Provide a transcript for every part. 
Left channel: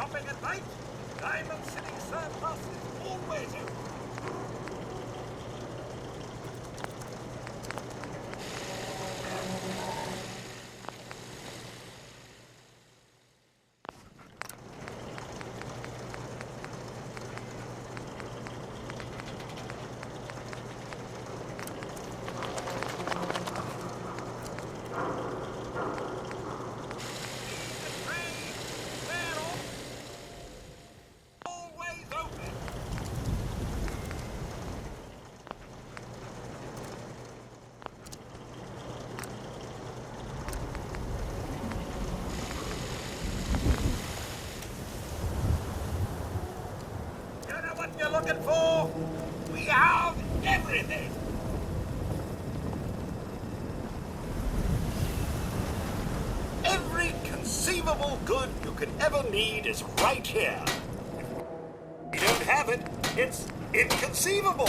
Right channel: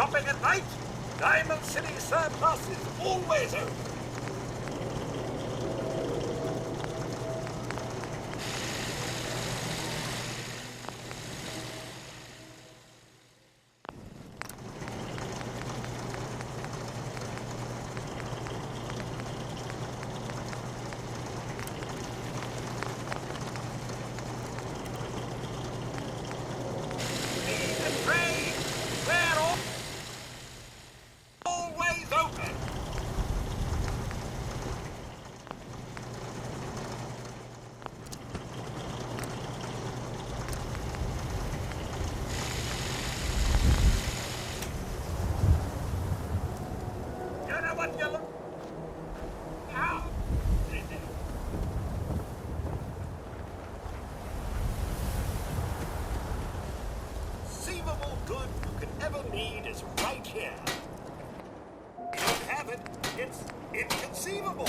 shopping at night? Diamond City Surplus is always open. What you're looking for? We have everything. Every conceivable good you could ever need is right here. If you don't have it, it's inconceivable.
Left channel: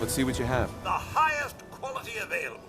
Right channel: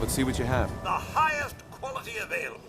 Let's see what you have. The highest quality available.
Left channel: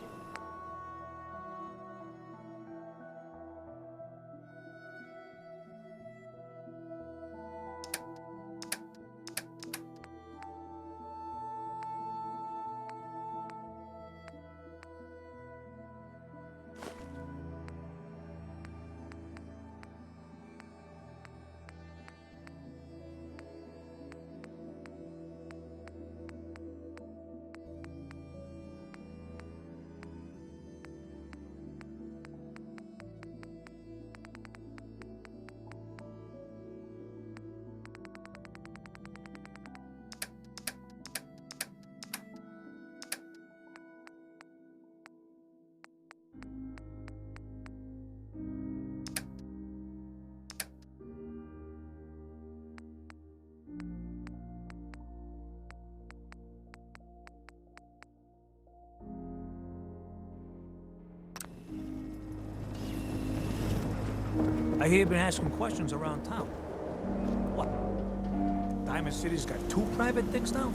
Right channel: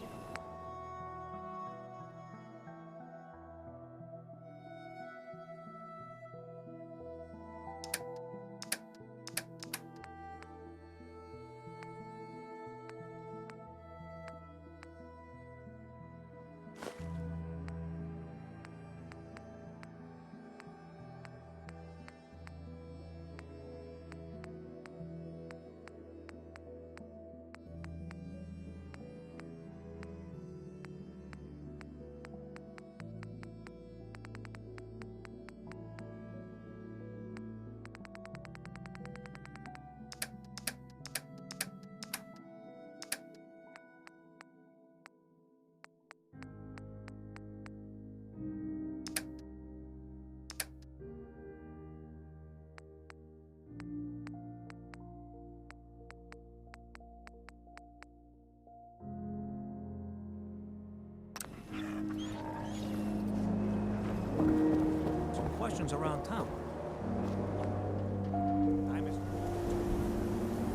hear you've been asking questions around town. What? Diamond City's got 2 private digs now?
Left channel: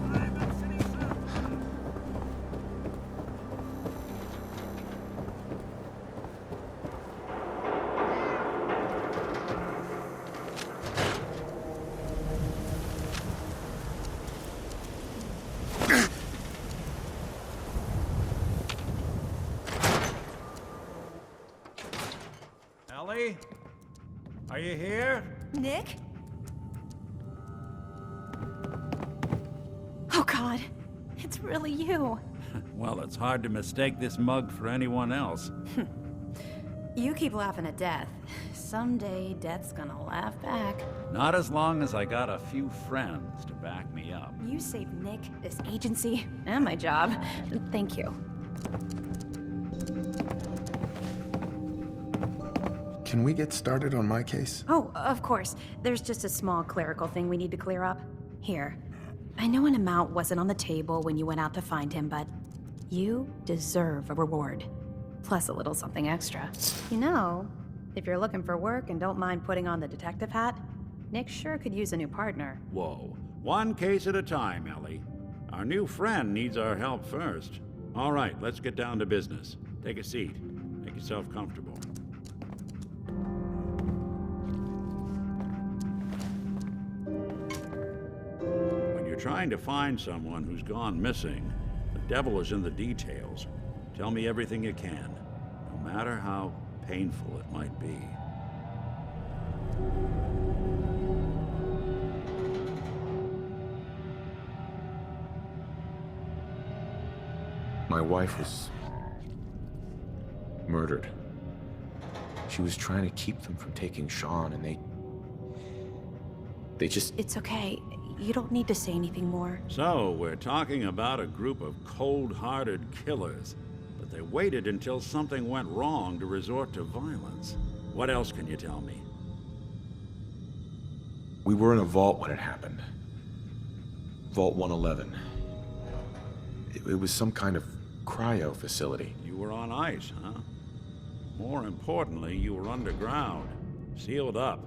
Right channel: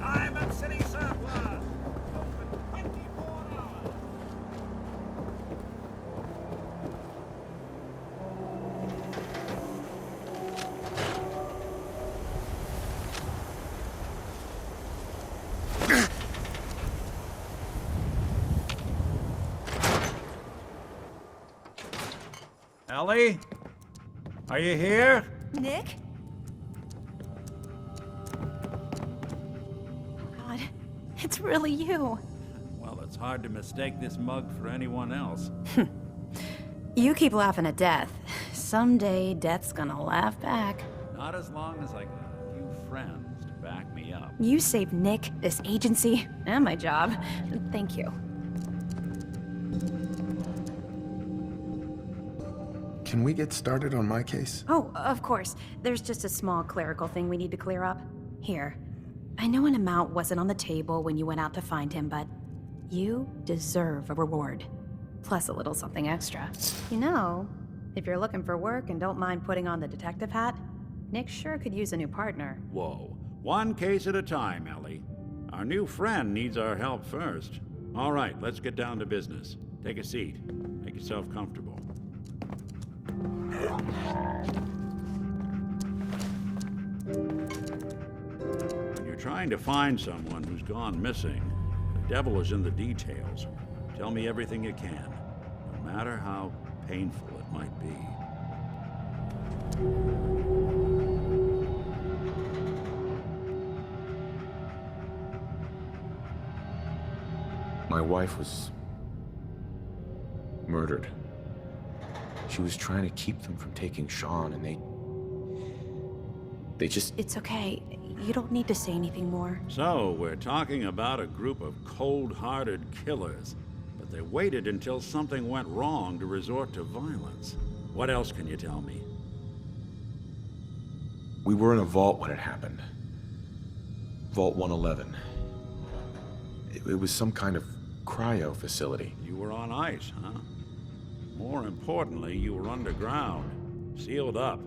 Diamond City surplus. Ellie? Are you here? Nick? Oh God, it's really you. Well, it's hard to mistake this mug for anyone else. You keep laughing at death. Someday, death's gonna laugh back. Not as long as I got a few friends to back me up. You saved Nick, this agency, and my job. Thank you. Can we get started on my case? Oh, of course. There's just a small clerical thing we need to clear up. Here. I know an amount wasn't on the table when you went out to find him, but you deserve a reward. Plus a little something extra. You know, if you're looking for work and don't mind putting on the detective hat, Nick sure could use a new partner. Whoa. One case at a time, Ellie. Our new friend needs our help first. All right, let's get down to business. Take a seat. Make yourself comfortable. When you're trying to find someone who's gone missing, the devil is in the details. Tell me everything you can, no matter how painful it might be. My wife was murdered. She was trying to keep them from taking Sean, and they just... It's okay. You don't need to say anything more. So, we're talking about a group of cold-hearted killers, but they waited until something went wrong to resort to violence. What else can you tell me? We were in a vault when it happened. Vault 111. It was some kind of cryo facility. You were on ice, huh? More importantly, you were underground, sealed up.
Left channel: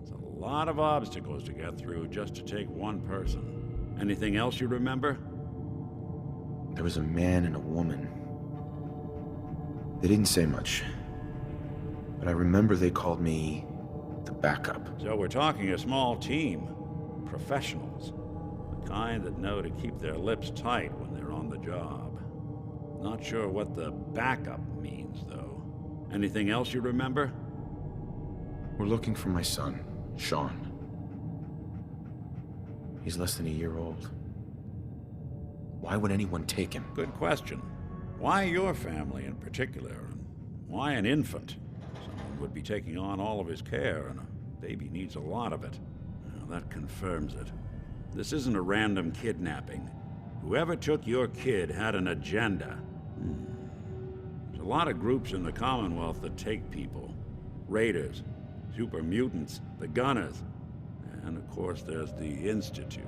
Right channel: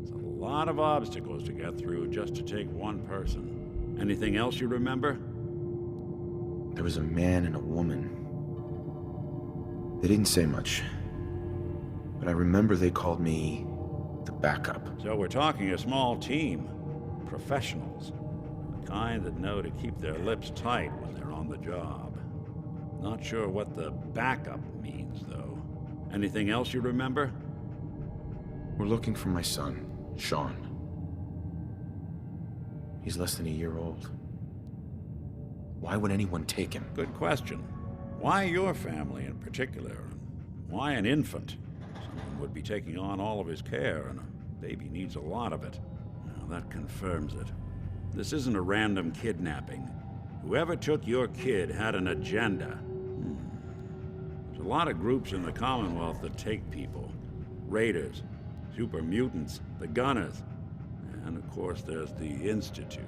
It's a lot of obstacles to get through just to take one person. Anything else you remember? There was a man and a woman. They didn't say much, but I remember they called me the backup. So we're talking a small team. Professionals. The kind that know to keep their lips tight when they're on the job. Not sure what the backup means, though. Anything else you remember? We're looking for my son, Sean. He's less than a year old. Why would anyone take him? Good question. Why your family in particular? And why an infant? Someone would be taking on all of his care, and a baby needs a lot of it. Now, that confirms it. This isn't a random kidnapping. Whoever took your kid had an agenda. There's a lot of groups in the Commonwealth that take people. Raiders, super mutants, the Gunners, and of course there's the Institute.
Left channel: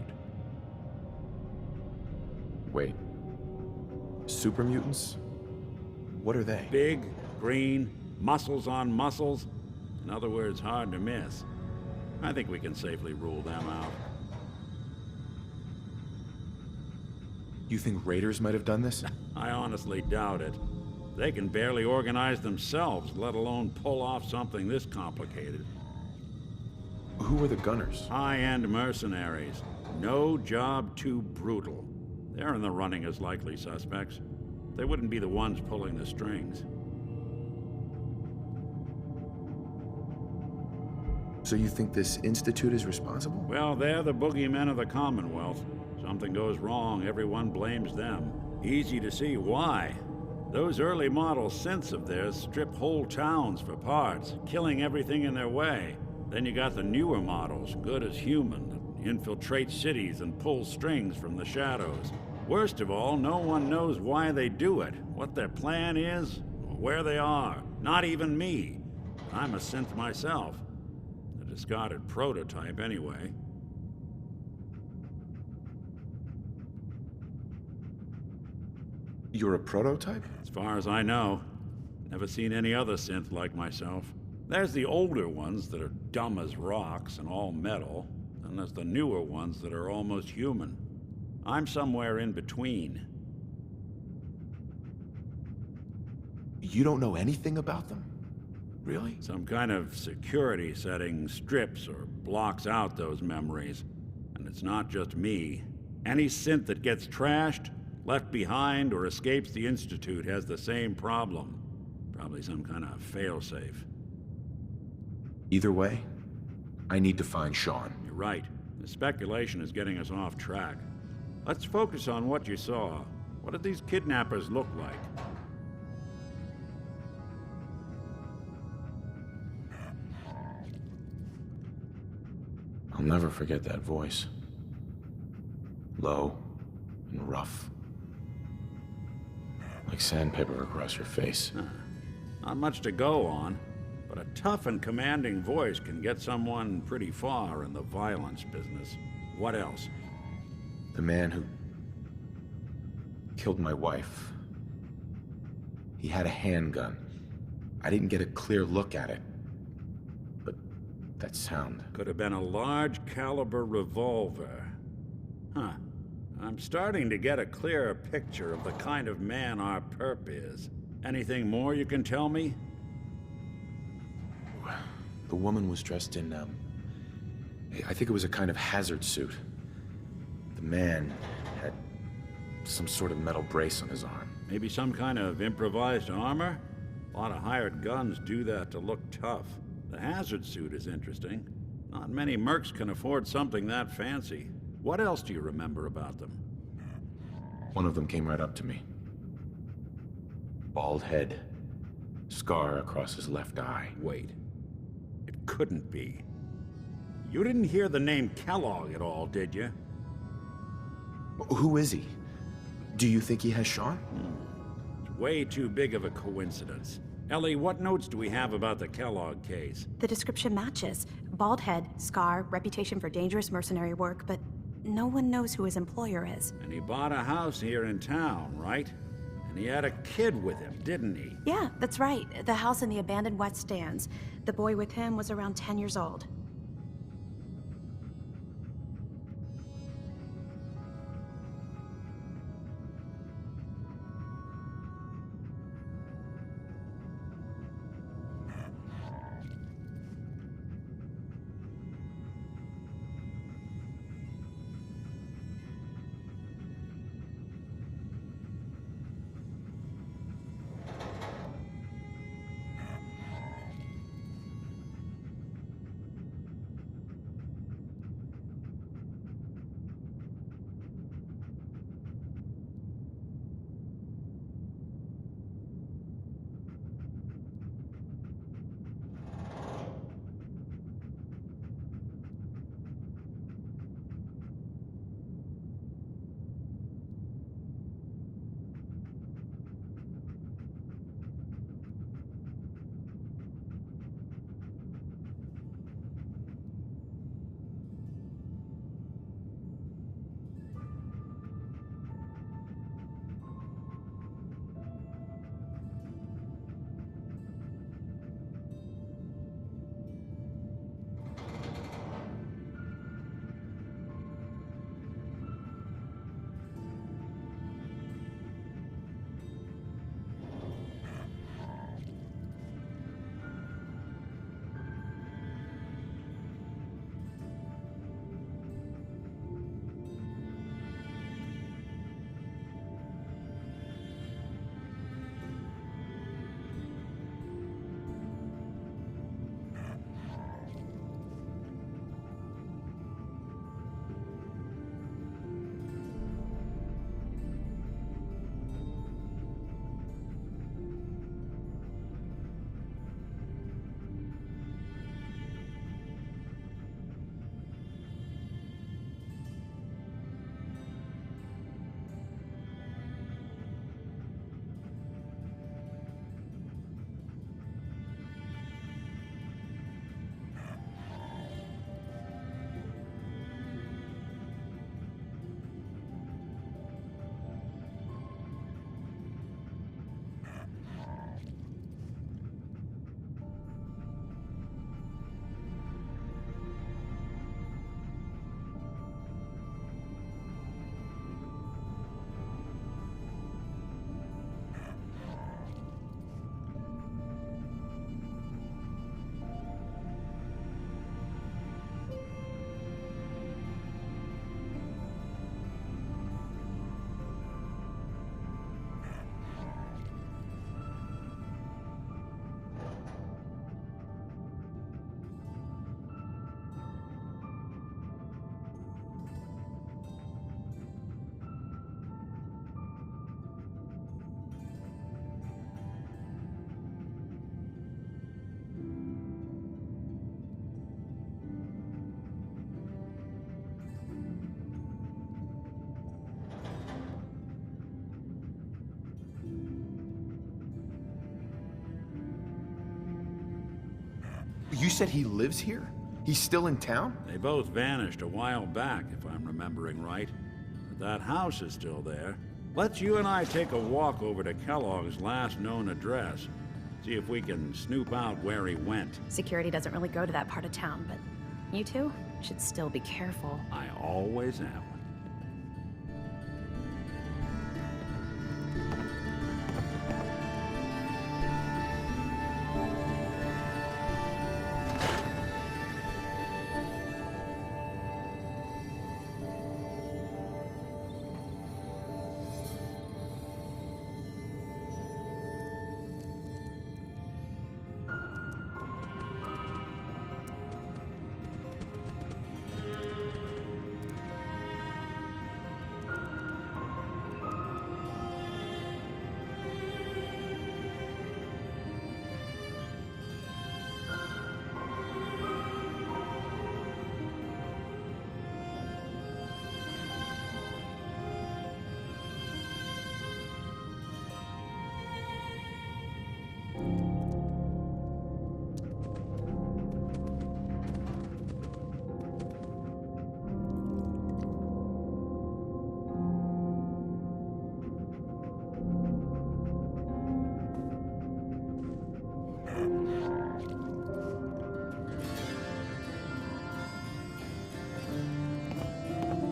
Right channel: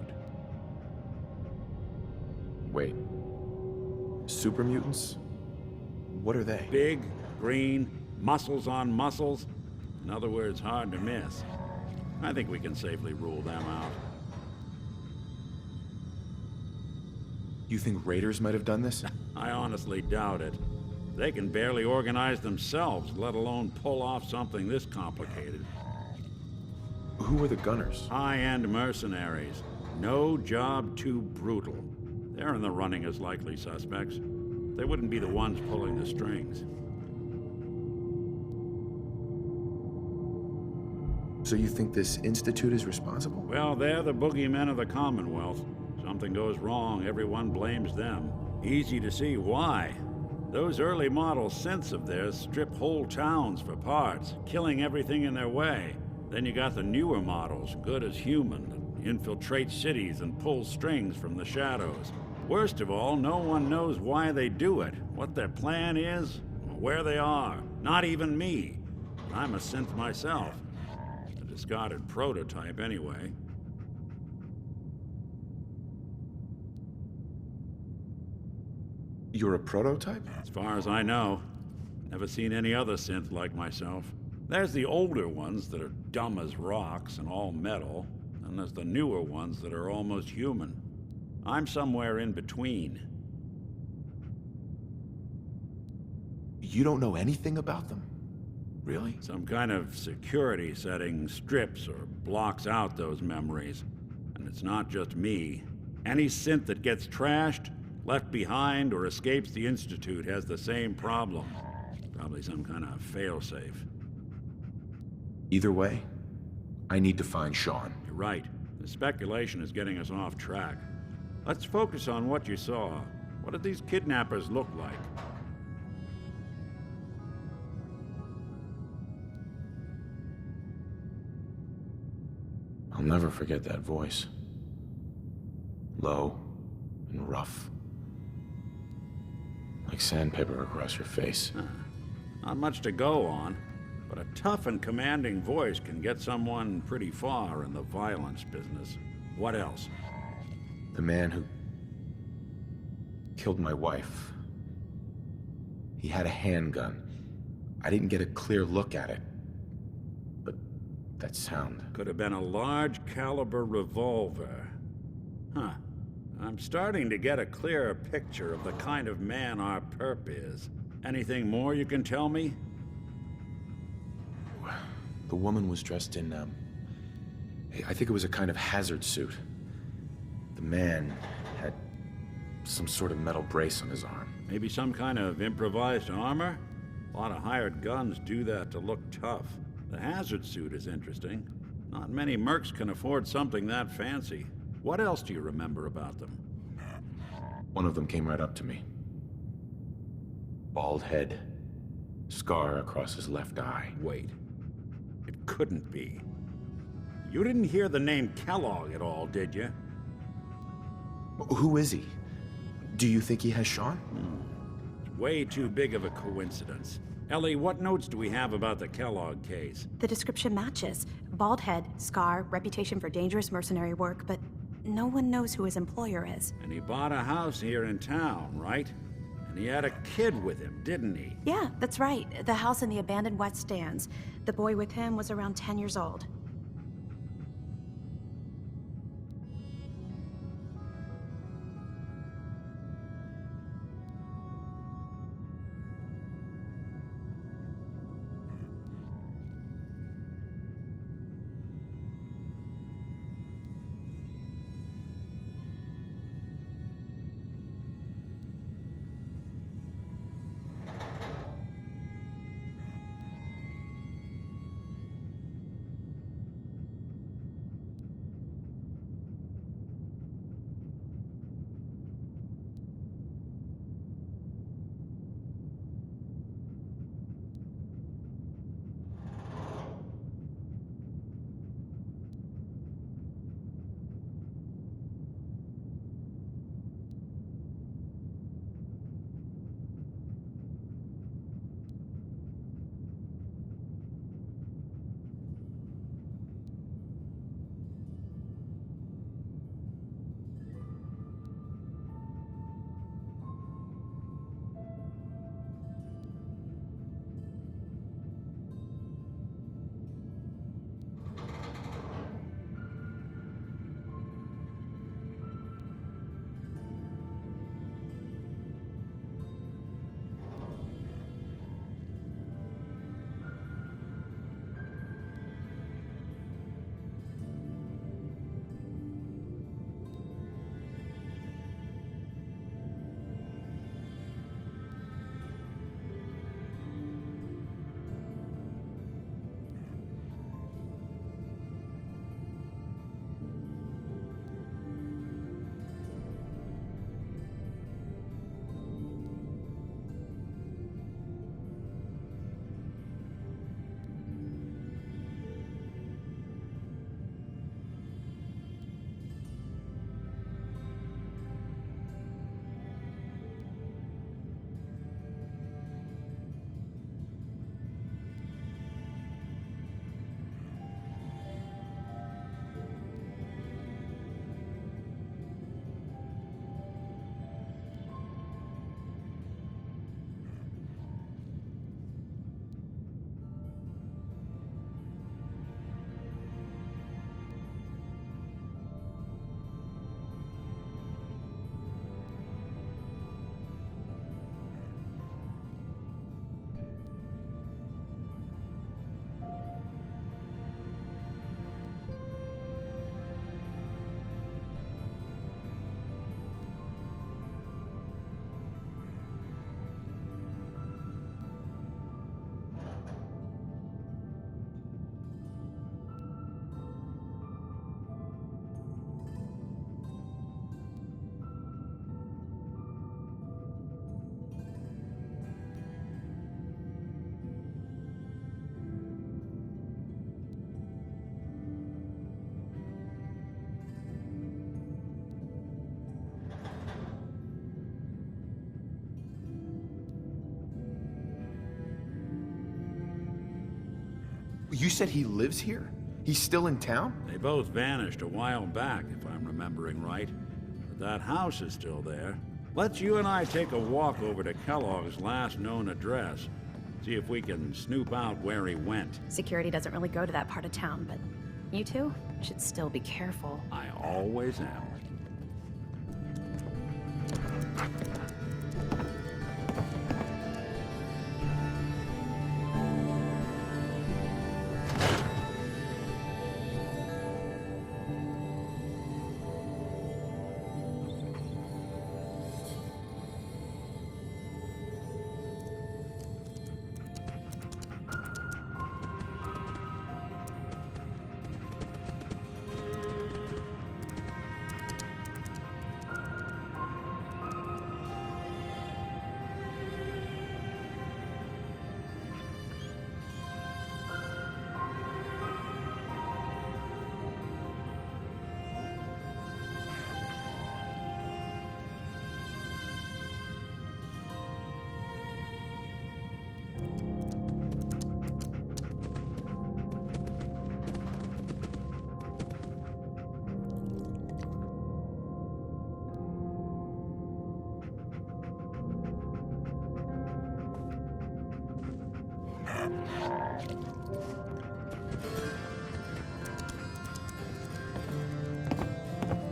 Wait. Super mutants? What are they? Big, green, muscles on muscles. In other words, hard to miss. I think we can safely rule them out. You think raiders might have done this? I honestly doubt it. They can barely organize themselves, let alone pull off something this complicated. Who were the Gunners? High-end mercenaries. No job too brutal. They're in the running as likely suspects. They wouldn't be the ones pulling the strings. So you think this Institute is responsible? Well, they're the boogeymen of the Commonwealth. Something goes wrong, everyone blames them. Easy to see why. Those early model synths of theirs strip whole towns for parts, killing everything in their way. Then you got the newer models, good as human, that infiltrate cities and pull strings from the shadows. Worst of all, no one knows why they do it, what their plan is, or where they are. Not even me. And I'm a synth myself. A discarded prototype anyway. You're a prototype? As far as I know. Never seen any other synth like myself. There's the older ones that are dumb as rocks and all metal, and there's the newer ones that are almost human. I'm somewhere in between. You don't know anything about them? Really? Some kind of security setting strips or blocks out those memories. And it's not just me. Any synth that gets trashed, left behind, or escapes the Institute has the same problem. Probably some kind of failsafe. Either way, I need to find Sean. You're right. The speculation is getting us off track. Let's focus on what you saw. What did these kidnappers look like? I'll never forget that voice. Low and rough. Like sandpaper across your face. Not much to go on, but a tough and commanding voice can get someone pretty far in the violence business. What else? The man who killed my wife. He had a handgun. I didn't get a clear look at it. But that sound. Could have been a large caliber revolver. Huh. I'm starting to get a clearer picture of the kind of man our perp is. Anything more you can tell me? The woman was dressed in, I think it was a kind of hazard suit. The man had some sort of metal brace on his arm. Maybe some kind of improvised armor? A lot of hired guns do that to look tough. The hazard suit is interesting. Not many mercs can afford something that fancy. What else do you remember about them? One of them came right up to me. Bald head. Scar across his left eye. Wait. It couldn't be. You didn't hear the name Kellogg at all, did you? Who is he? Do you think he has Sean? It's way too big of a coincidence. Ellie, what notes do we have about the Kellogg case? The description matches. Bald head, scar, reputation for dangerous mercenary work, but no one knows who his employer is. And he bought a house here in town, right? And he had a kid with him, didn't he? Yeah, that's right. The house in the abandoned West Stands. The boy with him was around 10 years old. You said he lives here? He's still in town? They both vanished a while back, if I'm remembering right. But that house is still there. Let's you and I take a walk over to Kellogg's last known address. See if we can snoop out where he went. Security doesn't really go to that part of town, but you two should still be careful. I always am.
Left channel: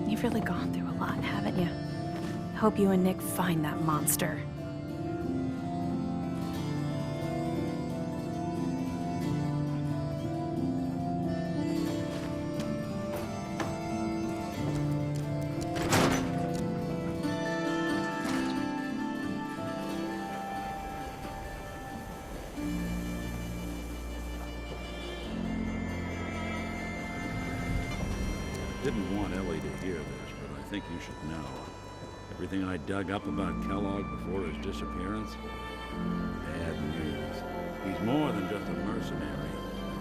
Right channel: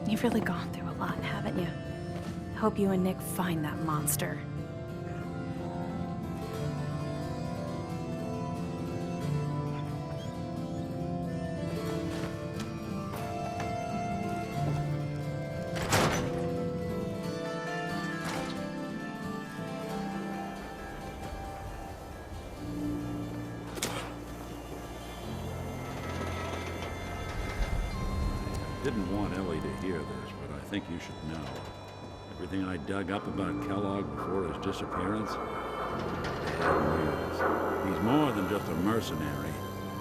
You've really gone through a lot, haven't you? Hope you and Nick find that monster. Didn't want Ellie to hear this, but I think you should know. Everything I dug up about Kellogg before his disappearance? Bad news. He's more than just a mercenary.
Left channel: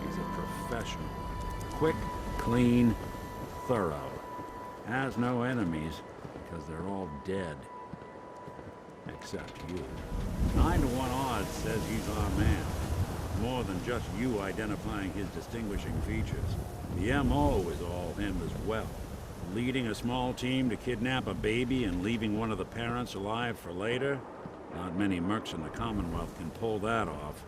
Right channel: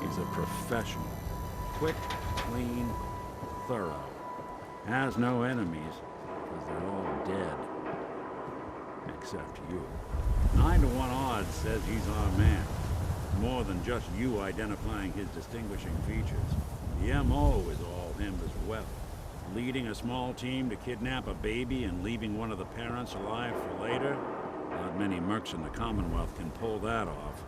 He's a professional. Quick, clean, thorough. Has no enemies, because they're all dead. Except you. 9 to 1 odds says he's our man. More than just you identifying his distinguishing features. The M.O. is all him as well. Leading a small team to kidnap a baby and leaving one of the parents alive for later? Not many mercs in the Commonwealth can pull that off.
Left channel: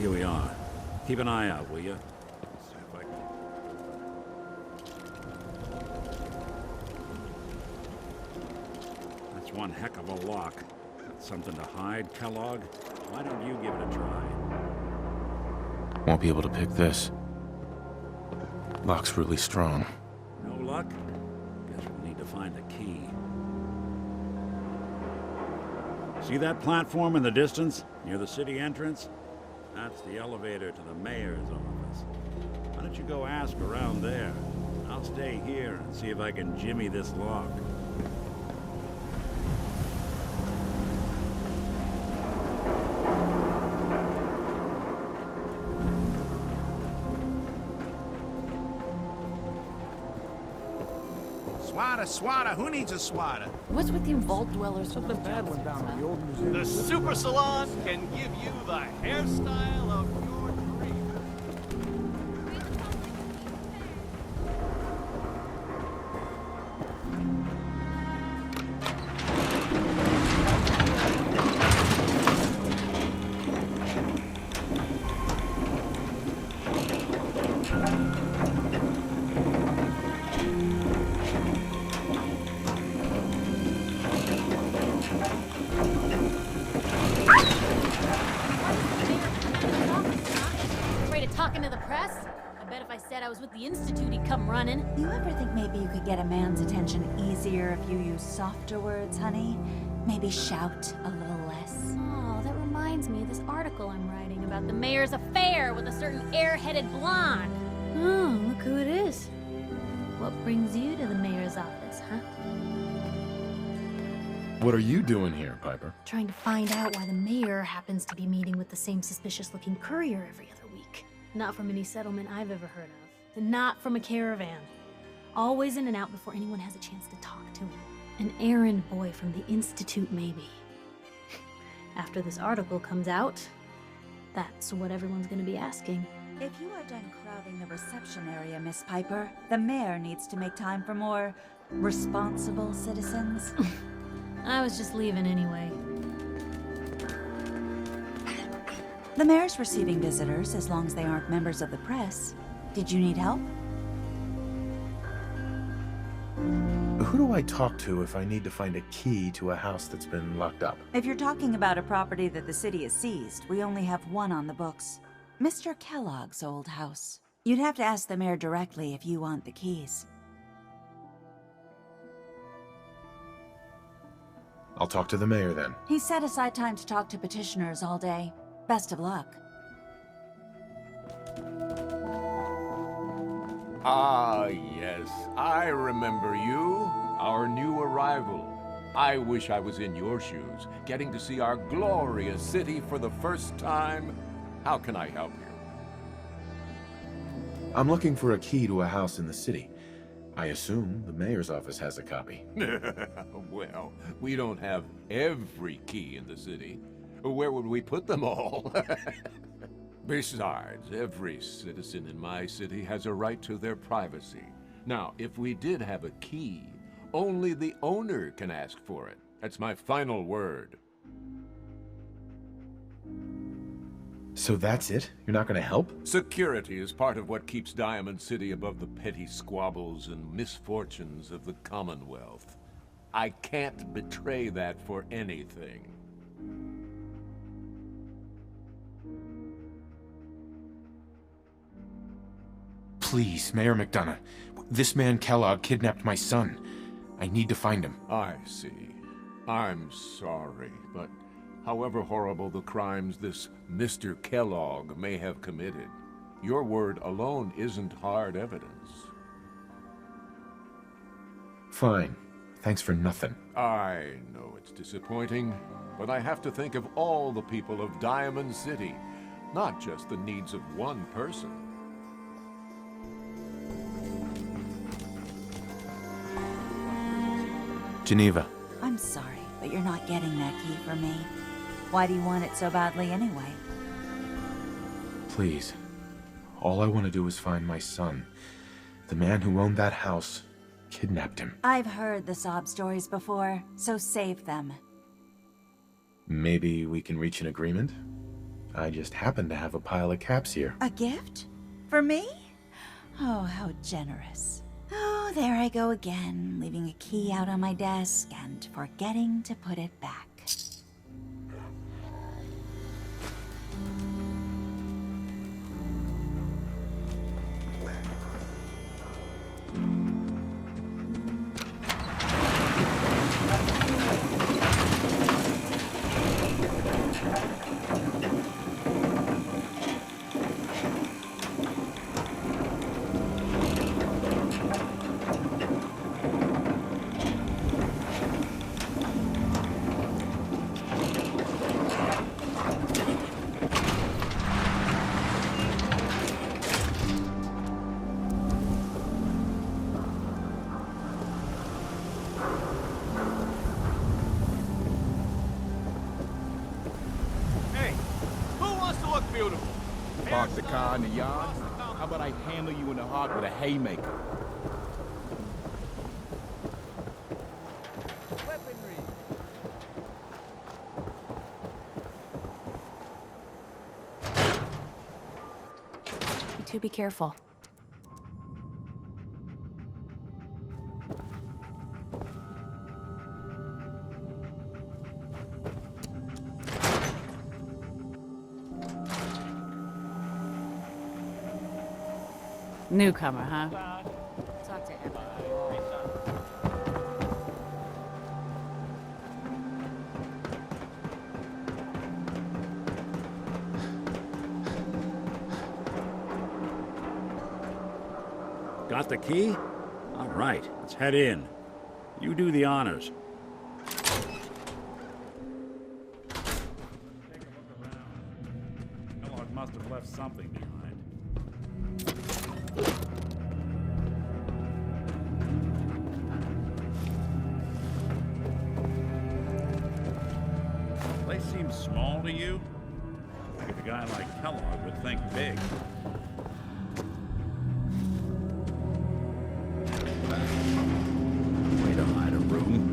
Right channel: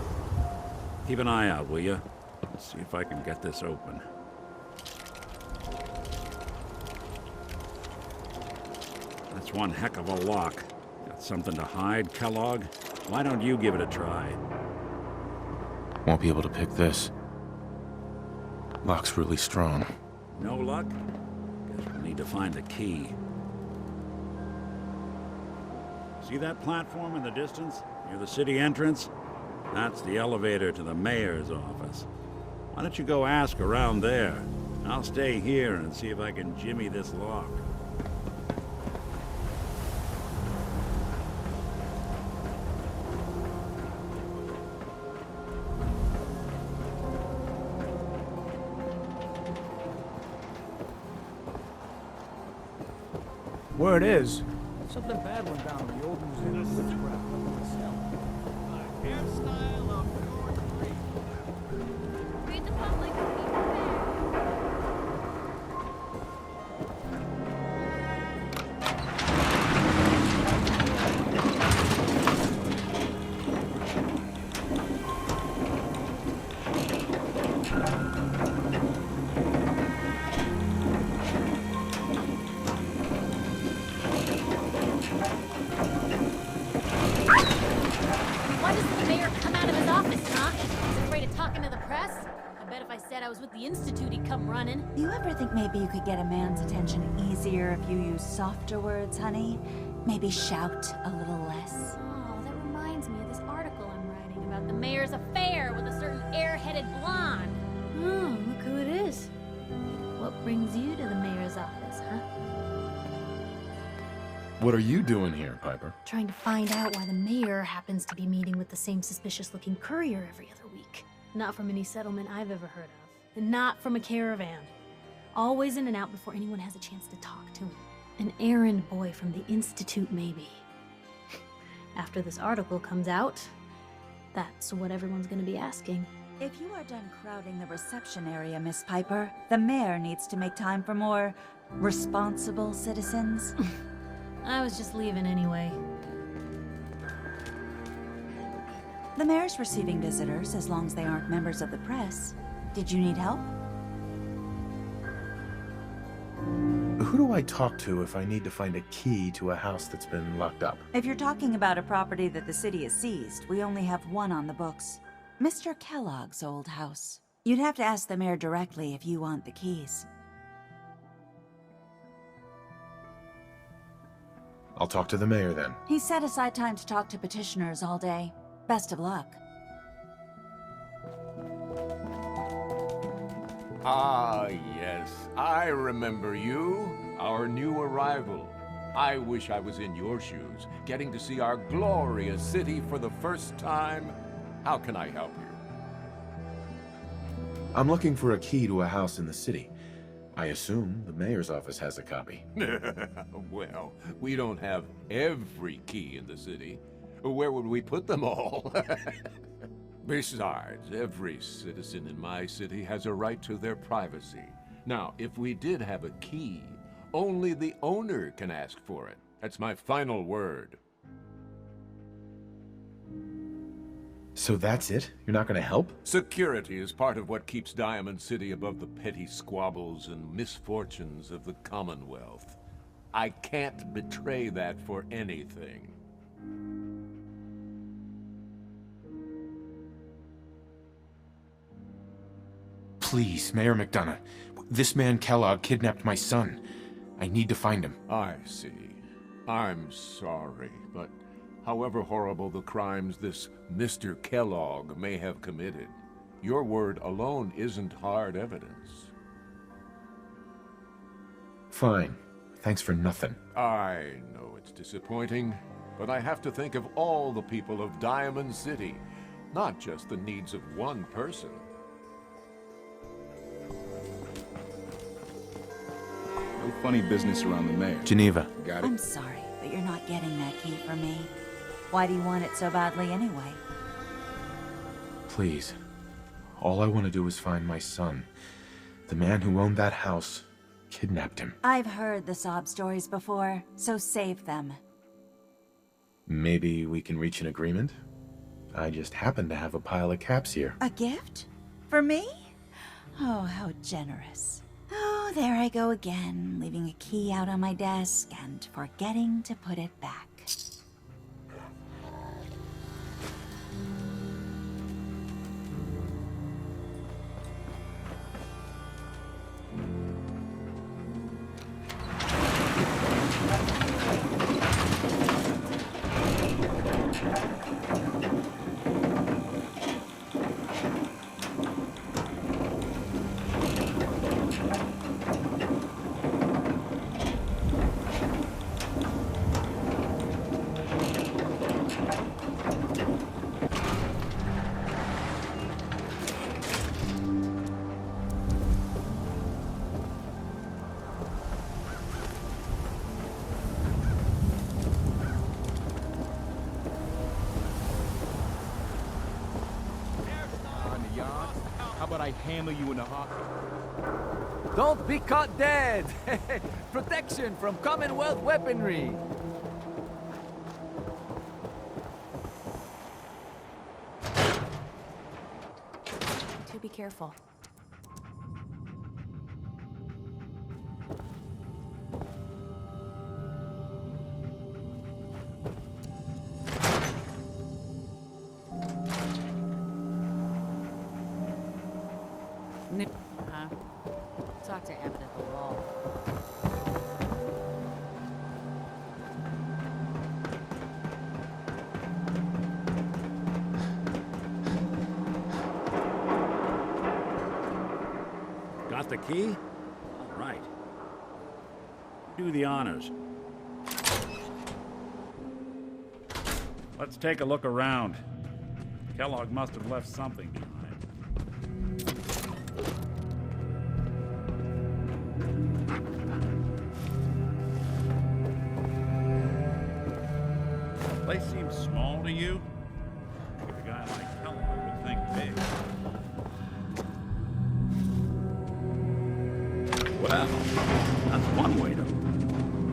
Here we are. Keep an eye out, will you? Let's see if I can get this open. That's one heck of a lock. Got something to hide, Kellogg? Why don't you give it a try? Won't be able to pick this. Lock's really strong. No luck? Guess we'll need to find the key. See that platform in the distance, near the city entrance? That's the elevator to the mayor's office. Why don't you go ask around there? I'll stay here and see if I can jimmy this lock. Swatter, who needs a swatter? Word is, something bad went down at the old museum. The Super Salon can give you the hairstyle of your dreams. Read the public. Be prepared. I was with the Institute, he'd come running. Do you ever think maybe you could get a man's attention easier if you use softer words, honey? Maybe shout a little less? Oh, that reminds me of this article I'm writing about the mayor's affair with a certain air-headed blonde. Oh, look who it is. What brings you to the mayor's office, huh? What are you doing here, Piper? Trying to find out why the mayor happens to be meeting with the same suspicious-looking courier every other week. Not from any settlement I've ever heard of. And not from a caravan. Always in and out before anyone has a chance to talk to him. An errand boy from the Institute, maybe. After this article comes out, that's what everyone's gonna be asking. If you are done crowding the reception area, Miss Piper, the mayor needs to make time for more responsible citizens. I was just leaving anyway. The mayor's receiving visitors as long as they aren't members of the press. Did you need help? Who do I talk to if I need to find a key to a house that's been locked up? If you're talking about a property that the city has seized, we only have one on the books. Mr. Kellogg's old house. You'd have to ask the mayor directly if you want the keys. I'll talk to the mayor then. He set aside time to talk to petitioners all day. Best of luck. Ah, yes, I remember you, our new arrival. I wish I was in your shoes, getting to see our glorious city for the first time. How can I help you? I'm looking for a key to a house in the city. I assume the mayor's office has a copy. Well, we don't have every key in the city. Where would we put them all? Besides, every citizen in my city has a right to their privacy. Now, if we did have a key, only the owner can ask for it. That's my final word. So that's it? You're not gonna help? Security is part of what keeps Diamond City above the petty squabbles and misfortunes of the Commonwealth. I can't betray that for anything. Please, Mayor McDonough. This man Kellogg kidnapped my son. I need to find him. I see. I'm sorry, but however horrible the crimes this Mr. Kellogg may have committed, your word alone isn't hard evidence. Fine. Thanks for nothing. I know it's disappointing, but I have to think of all the people of Diamond City, not just the needs of one person. Funny business around the mayor. Geneva. Got it. I'm sorry, but you're not getting that key from me. Why do you want it so badly anyway? Please. All I want to do is find my son. The man who owned that house kidnapped him. I've heard the sob stories before, so save them. Maybe we can reach an agreement? I just happen to have a pile of caps here. A gift? For me? Oh, how generous. Oh, there I go again, leaving a key out on my desk and forgetting to put it back. Park the car in the yard. How about I handle you in the heart with a haymaker? Don't be caught dead! Protection from Commonwealth weaponry! You two be careful. Newcomer, huh? Talk to Abbott at the wall. Got the key? All right, let's head in. You do the honors. take a look around. Kellogg must have left something behind. The place seems small to you? I think a guy like Kellogg would think big. Well, that's one way to hide a room.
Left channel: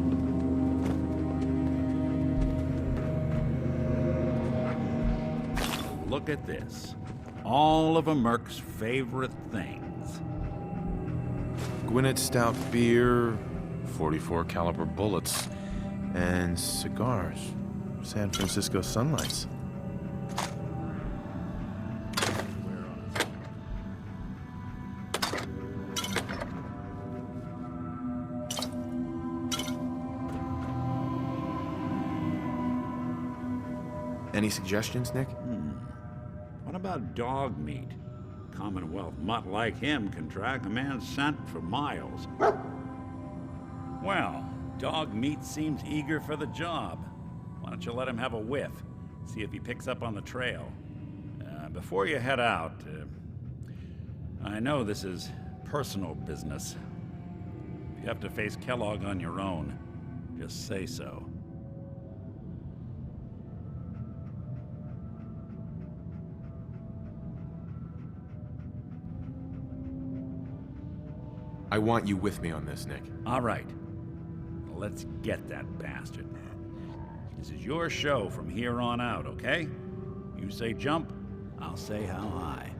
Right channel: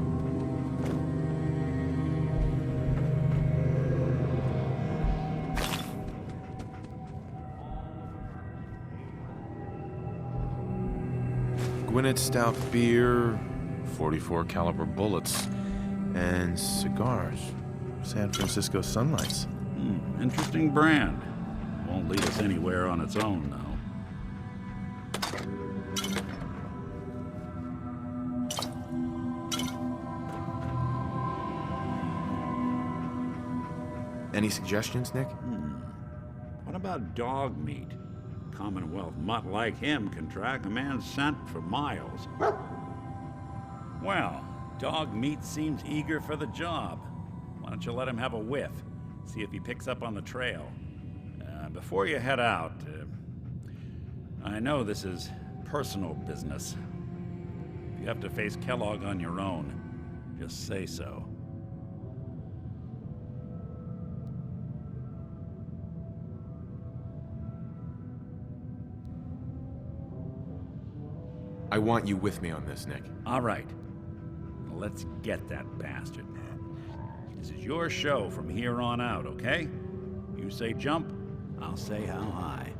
Look at this. All of a Merc's favorite things. Gwinnett Stout beer, 44 caliber bullets, and cigars. San Francisco Sunlights. Interesting brand. Won't lead us anywhere on its own, though. Any suggestions, Nick? What about dog meat? Commonwealth mutt like him can track a man's scent for miles. Well, dog meat seems eager for the job. Why don't you let him have a whiff? See if he picks up on the trail. Before you head out, I know this is personal business. If you have to face Kellogg on your own, just say so. I want you with me on this, Nick. All right. Let's get that bastard. This is your show from here on out, okay? You say jump, I'll say how high.